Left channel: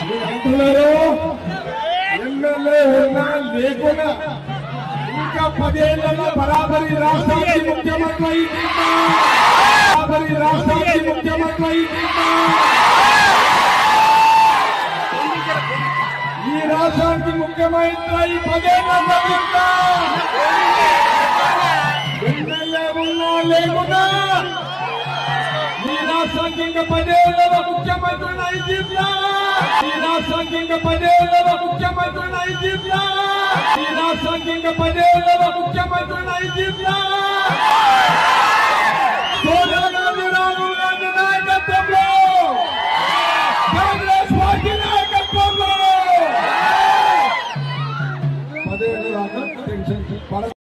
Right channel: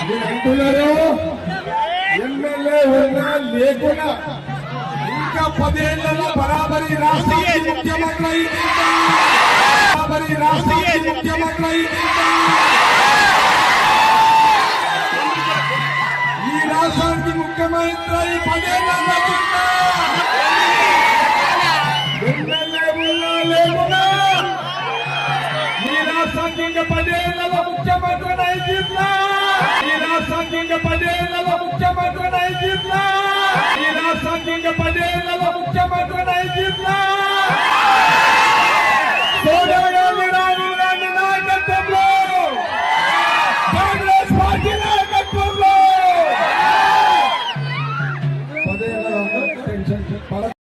మీరు అంటున్నారు ఎమ్మెల్యే ఉన్నా లేకున్నా ఇంకా పదేళ్లలో బరాబరి రాష్ట్రానికి ముఖ్యమంత్రి అయి తీరుతా. బరాబరి రాష్ట్రానికి ముఖ్యమంత్రి అయి తీరుతా. ఈ రాష్ట్రానికి ముఖ్యమంత్రి అయి పదేళ్లలో తీరుతా. ఎమ్మెల్యే ఉన్నా లేకున్నా ఈ రాష్ట్రానికి ఇంకా పదేళ్ళలో ముఖ్యమంత్రి అయి తీరుతా. ఈ రాష్ట్రానికి ఇంకా పదేళ్ళలో ముఖ్యమంత్రి అయి తీరుతా. ఈ రాష్ట్రానికి ఇంకా పదేళ్ళలో ముఖ్యమంత్రి అయి తీరుతా. సోనియా గాంధీ రాహుల్ గాంధీ నాయకత్వంలో కాంగ్రెస్ పార్టీ నాయకత్వంలో పదేళ్ళ టెన్షన్